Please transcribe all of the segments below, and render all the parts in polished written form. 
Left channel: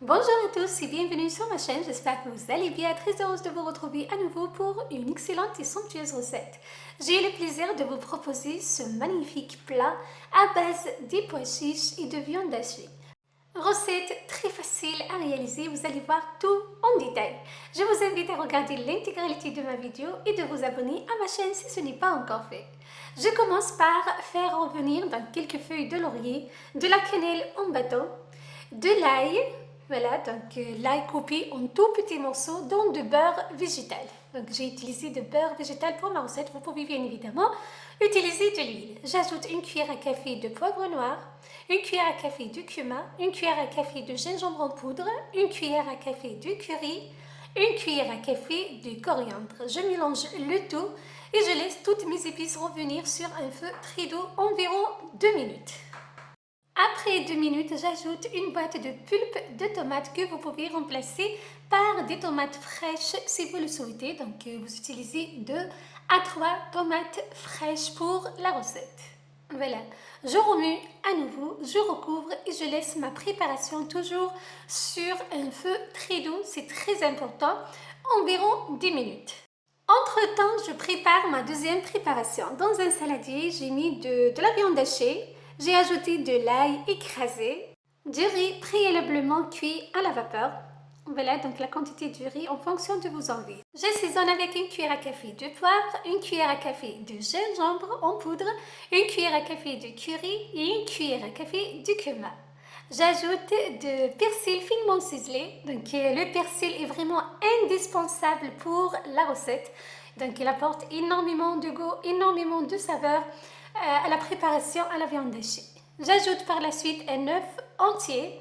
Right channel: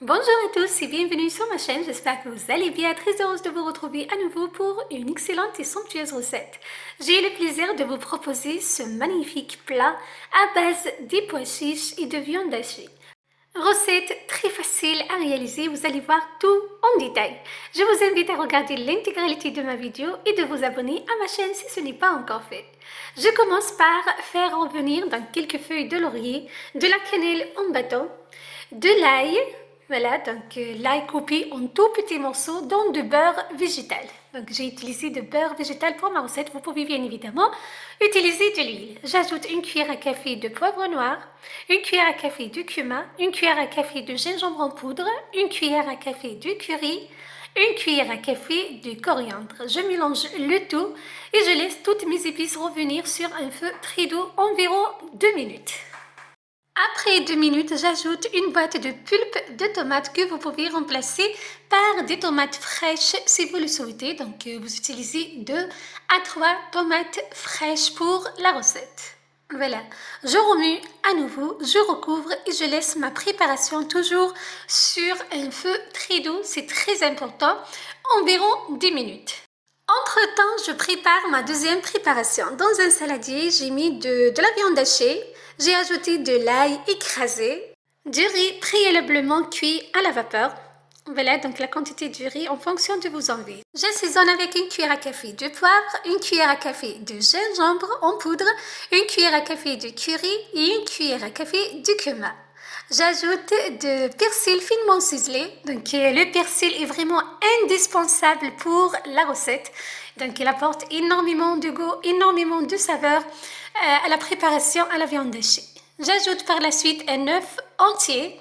Bonjour à tous et bienvenue sur ma chaîne, j'espère que vous allez bien, très heureuse de vous retrouver à nouveau pour une excellente et somptueuse recette. J'ai le plaisir de vous proposer ce magnifique plat à base de pois chiches et de viande hachée. Recette très facile à réaliser, vous allez voir tout en détail. Je vous invite à regarder l'intégralité de ma vidéo et de vous abonner à ma chaîne si ce n'est pas encore fait. Je commence par faire revenir dans quelques feuilles de laurier de la cannelle en bâton, de l'ail, voilà, donc l'ail coupé en tout petits morceaux, dont de beurre végétal. Donc j'ai utilisé de beurre végétal pour ma recette, vous pouvez bien évidemment utiliser de l'huile. J'ajoute une cuillère à café de poivre noir, une cuillère à café de cumin, une cuillère à café de gingembre en poudre, une cuillère à café de curry, une cuillère à café de coriandre. Je mélange le tout et je laisse toutes mes épices revenir sur un feu très doux environ 2 minutes. Après 2 minutes, j'ajoute une boîte de pulpe de tomates que vous pouvez remplacer par des tomates fraîches si vous le souhaitez. Donc vous utilisez 2 à 3 tomates fraîches pour la recette. Voilà, je remue à nouveau, je recouvre et je laisse ma préparation toujours sur un feu très doux, c'est très important, environ 10 minutes. Entre-temps, je prépare ma deuxième préparation. Dans un saladier, j'ai mis de la viande hachée, j'ai ajouté de l'ail écrasé, du riz préalablement cuit à la vapeur. Voilà donc la quantité du riz en fonction de vos envies. J'assaisonne avec une cuillère à café de poivre, une cuillère à café de gingembre en poudre, une cuillère à café de curry et une cuillère à café de cumin. J'ajoute de persil finement ciselé. Donc le persil est vraiment indispensable pour la recette. Donc il apporte énormément de goût, énormément de saveur à la préparation à la viande hachée. J'ajoute par la suite un œuf entier.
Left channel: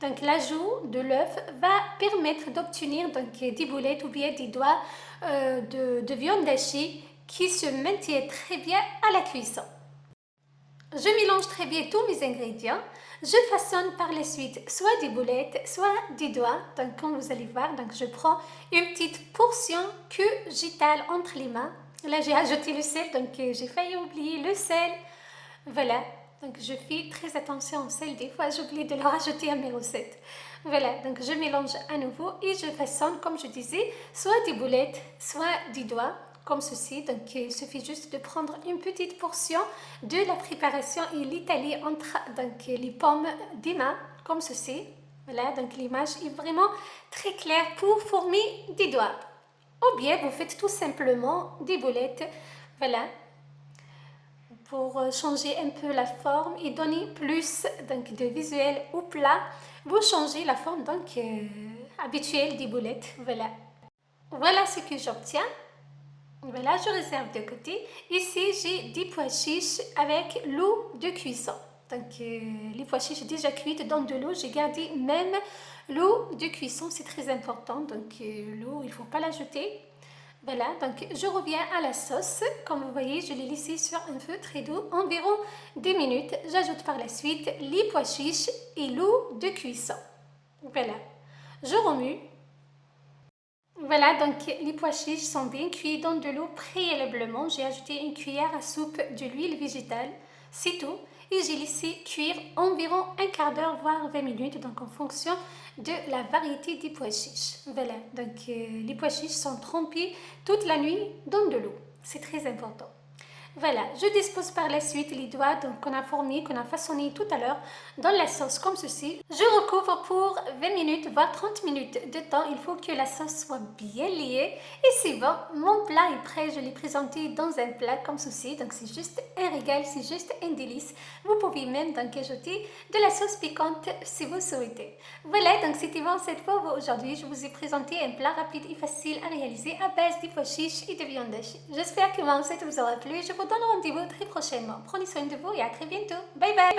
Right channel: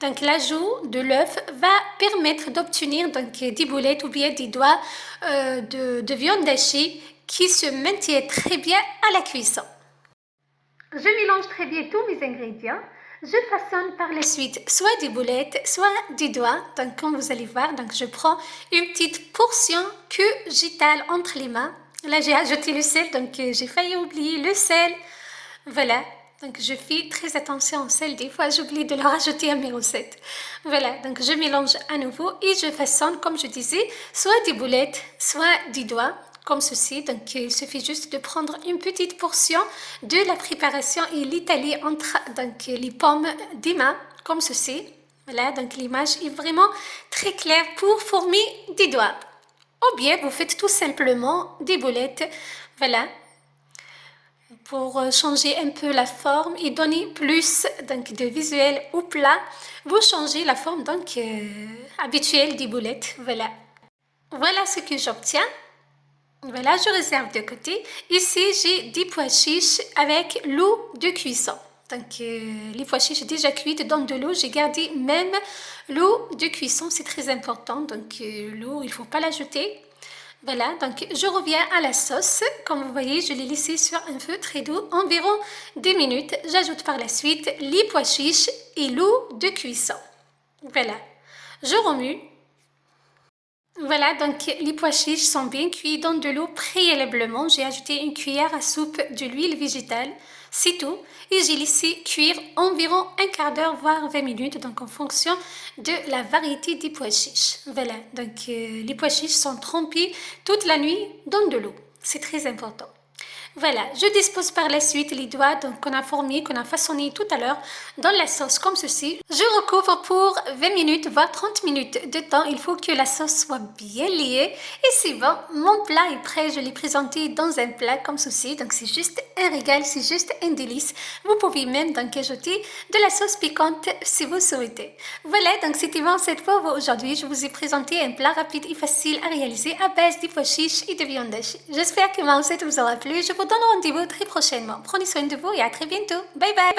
Donc l'ajout de l'œuf va permettre d'obtenir des boulettes ou bien des doigts de viande hachée qui se maintiennent très bien à la cuisson. Je mélange très bien tous mes ingrédients. Je façonne par la suite soit des boulettes, soit des doigts. Donc comme vous allez voir, donc je prends une petite portion que j'étale entre les mains. Là j'ai ajouté le sel, donc j'ai failli oublier le sel. Voilà, donc je fais très attention au sel. Des fois j'oublie de le rajouter à mes recettes. Voilà, donc je mélange à nouveau et je façonne, comme je disais, soit des boulettes, soit des doigts comme ceci. Donc il suffit juste de prendre une petite portion de la préparation et l'étaler entre les paumes des mains comme ceci. Voilà, donc l'image est vraiment très claire pour former des doigts. Ou bien vous faites tout simplement des boulettes. Voilà, pour changer un peu la forme et donner plus de visuel au plat, vous changez la forme habituelle des boulettes. Voilà, voilà ce que j'obtiens. Voilà, je réserve de côté. Ici, j'ai des pois chiches avec l'eau de cuisson. Donc, les pois chiches déjà cuites dans de l'eau. J'ai gardé même l'eau de cuisson, c'est très important. Donc, l'eau, il ne faut pas l'ajouter. Voilà, donc je reviens à la sauce. Comme vous voyez, je l'ai laissée sur un feu très doux, environ 2 minutes. J'ajoute par la suite les pois chiches et l'eau de cuisson. Voilà, je remue. Voilà, donc les pois chiches sont bien cuits dans de l'eau préalablement. J'ai ajouté une cuillère à soupe de l'huile végétale, c'est tout. Et j'ai laissé cuire environ un quart d'heure, voire 20 minutes, donc en fonction de la variété des pois chiches. Voilà, donc les pois chiches sont trempés toute la nuit dans de l'eau. C'est très important. Voilà, je dispose par la suite les doigts qu'on a formés, qu'on a façonnés tout à l'heure dans la sauce comme ceci. Je recouvre pour 20 minutes, voire 30 minutes de temps. Il faut que la sauce soit bien liée. Et c'est bon, mon plat est prêt. Je l'ai présenté dans un plat comme ceci. Donc c'est juste un régal, c'est juste un délice. Vous pouvez même ajouter de la sauce piquante si vous souhaitez. Voilà, donc c'était bon cette fois. Aujourd'hui, je vous ai présenté un plat rapide et facile à réaliser à base de pois chiches et de viande hachée. J'espère que ma recette vous aura plu. Je vous donne rendez-vous très prochainement. Prenez soin de vous et à très bientôt. Bye bye.